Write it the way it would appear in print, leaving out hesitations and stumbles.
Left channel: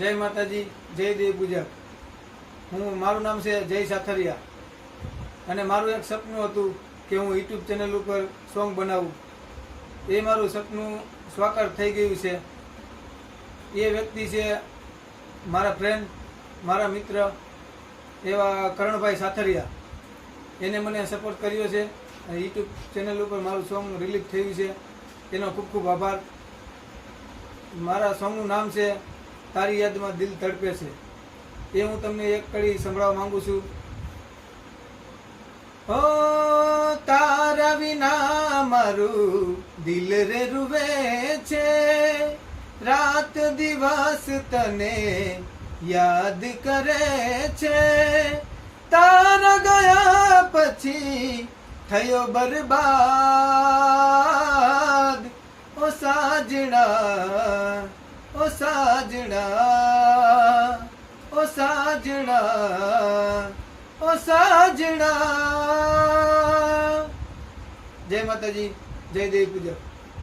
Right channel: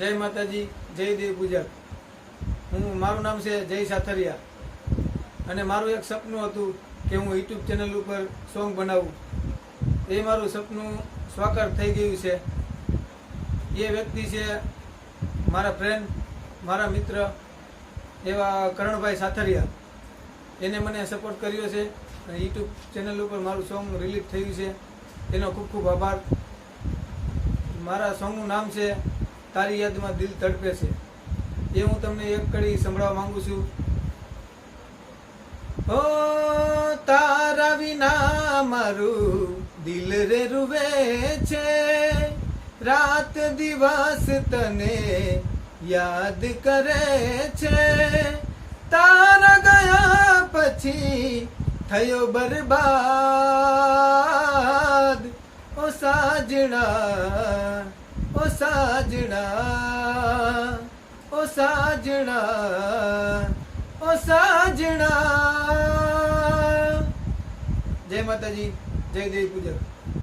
જય માતાજી, જય દેવ પૂજક. મારું નામ છે જય સાથરિયા અને મારું એક સપનું હતું કે હું યુટ્યુબ ચેનલ ઉપર સોંગ બનાવું. એ મારું સપનું સાકાર થઈ ગયું છે. એ વ્યક્તિ છે મારા ફ્રેન્ડ, મારા મિત્ર એવા કરણભાઈ સાથરિયા. એને મને સપોર્ટ કર્યો છે અને યુટ્યુબ ચેનલ ઉપર મારું સોંગ રિલીઝ થયું છે. એનો ખૂબ ખૂબ આભાર. મારા સોંગનું નામ છે તારી યાદમાં દિલ તડપે છે. એ હું તમને એક કડી સંભળાવવા માંગુ છું. ઓ તારા વિના મારું દિલ રે રૂવે છે, રાત દિવસ તને યાદ કરે છે. તારા ગયા પછી થયો બરબાદ. ઓ સાજણા, ઓ સાજણા, ઓ સાજણા, ઓ સાજણા. જય માતાજી, જય દેવ પૂજક.